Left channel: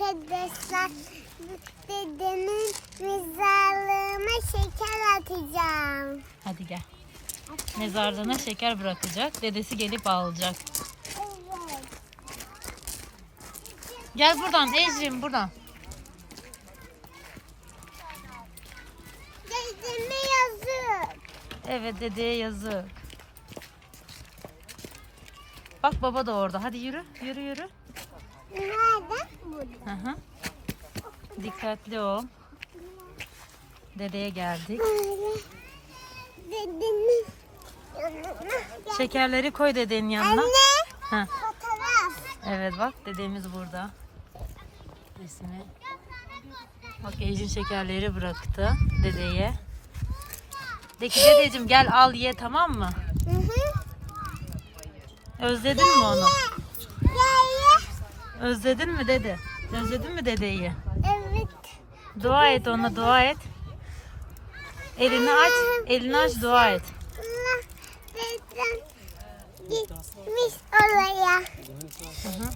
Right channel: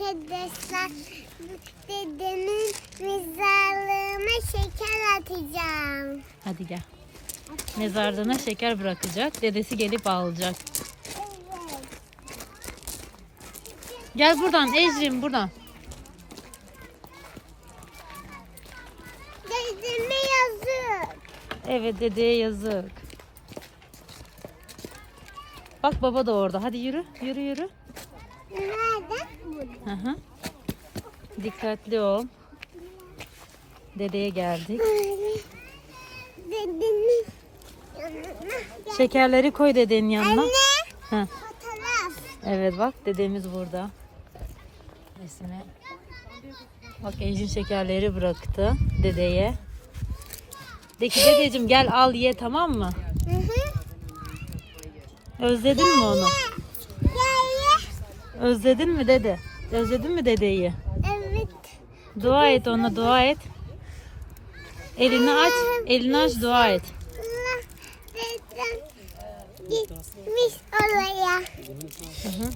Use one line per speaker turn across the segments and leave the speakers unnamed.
Arkadaşlar dedemin mezarlığına şeker atacağım.
Hadi gel. Mezarlığına şeker bırakacak. Dedesi gelip alacak.
Evet.
Gel buradan Ecrin buradan.
Dedeme yazık.
Evet dedeye yazık. Bak baba da orada. Hadi yürü. Yürü yürü. Hı hı. Dikkatli ol. Dedeye geldik.
Böyle. Dedemin yanına.
Şekerleri koy dedenin yanına.
Anne.
Hı.
Fotoğraf.
Evet bak dedemiz burada. Resmi. Bak Ecrin şekerleri bıraktı dedeye. De ki dedeciğim gel al ye tamam mı?
Hı hı.
Özledin mi onu? Özledin mi dede? Özledin mi dedeyi?
Evet.
Dua et ona dua et. Elini aç, elini aç dua et.
Dedem gitmiş oraya.
Hı hı.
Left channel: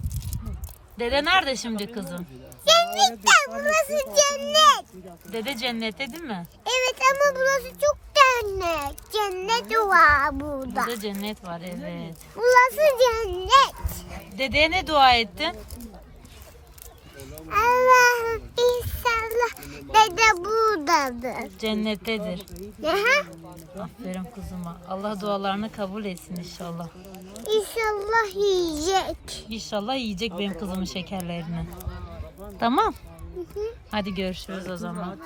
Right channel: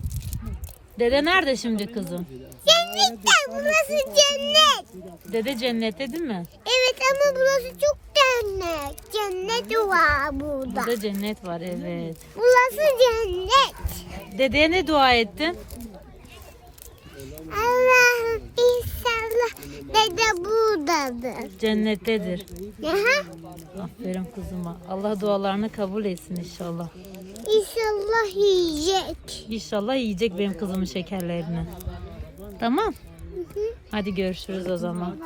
Dede nerede şimdi kızım?
Cennette burası cennet.
Dede cennette değil mi?
Evet ama burası çok cennet. Cennet var burada.
Burada cennet var evet.
Burası cennet.
Dedeye ne dua ettin?
Allah'ım inşallah dede buradadır.
Cennettedir.
Aha,
Aferin kızıma. Allah dualarını kabul etsin inşallah.
İnşallah yiyecek.
İnşallah yiyecek benim kızımın şekerlerini. Tamam.
Hı hı.
Hadi görüşürüz o zaman.